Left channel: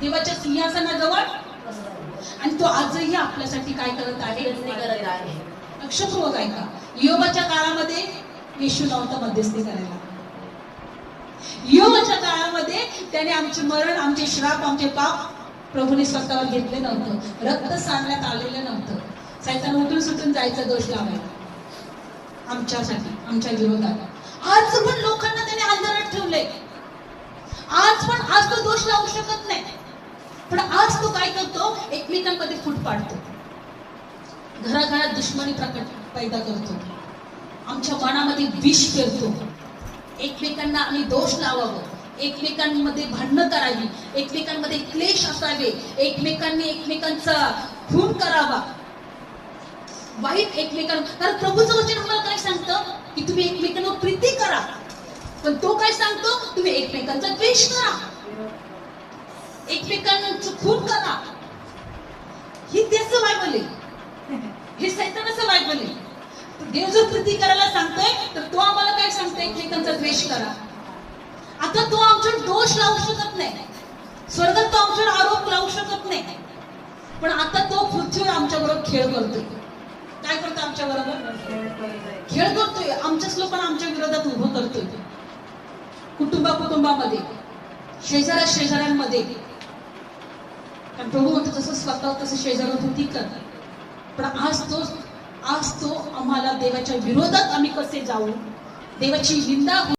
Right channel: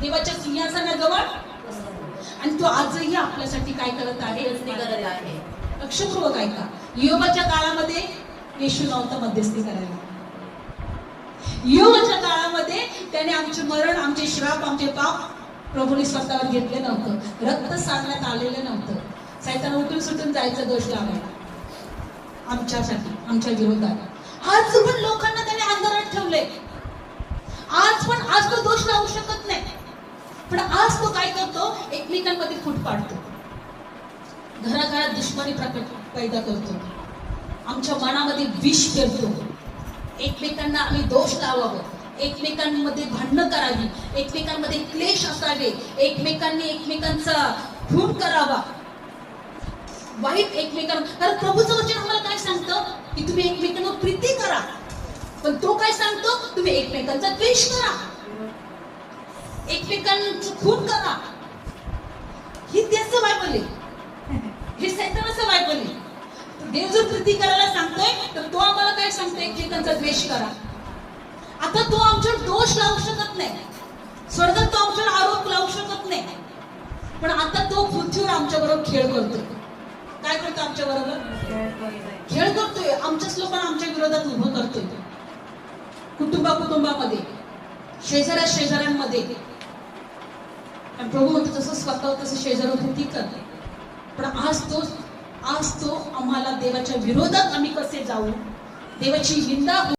देवाच्या सिंहासनाजवळ, आणि तो आजही आपल्यासाठी काय करत आहे? लक्षपूर्वक ऐका. योबाच्या काळामध्ये येशू नव्हता मध्यस्थी करायला. योबाच्या काळामध्ये त्याने आमचे मरण, आमचे श्राप, आमचे पाप प्रभूने स्वतःवर घेतले नव्हतं. रक्त सांडण्यात आलेलं नव्हतं. सैतान उठून सुटून जायचं दोष लावायला आमच्यासाठी, आमच्या विरोधात. आज पण लोकांना त्याने अंधारात ठेवले. आज तो दोष लावू शकत नाही. पण आज तो काय करतो? एकमेकांमध्ये फूट पाडतो, घराघरात दुश्मनी पैदा करतो, आमच्या मनामध्ये विष पेरतो. एकमेकांना आम्ही दोष लावावं, एकमेकांमध्ये भांडणं करावी, एकमेकांमध्ये क्लेश असावे, एकमेकांनी एकमेकांचा खून करावा, वाईट एकमेकांना. कारण प्रभूचं वचन आम्हाला काय सांगतं की तुम्ही एकमेकांना प्रीती करा. पण तो काय सांगतो? तुम्ही एकमेकांचा द्वेष करा, एकमेकांचं खून करा. ही त्याचं बायबल आहे, हे सैतानाचं बायबल आहे. देव जर प्रीती करायला सांगतोय तर तो आम्हाला काय सांगतोय? एकमेकांचा द्वेष करा. आता तो आमच्यावर दोष लावू शकत नाही, स्वर्गात तो आमच्यावर आरोप लावू शकत नाही. पण आता तो पृथ्वीवर आमच्या बरोबर खेळ करतोय. काय करतो? आमच्या बरोबर खेळ करतोय. आमच्याच लोकांना आमच्या विरोधात उभं करतोय. कुटुंबामध्ये, शेजाऱ्यांमध्ये. प्रभू म्हणतो तसं स्वतः तसं शेजाऱ्याभोवती कर. पण आज तो आम्हाला देवाच्या विरोधात आम्ही कसे जाऊ, देवाची निंदा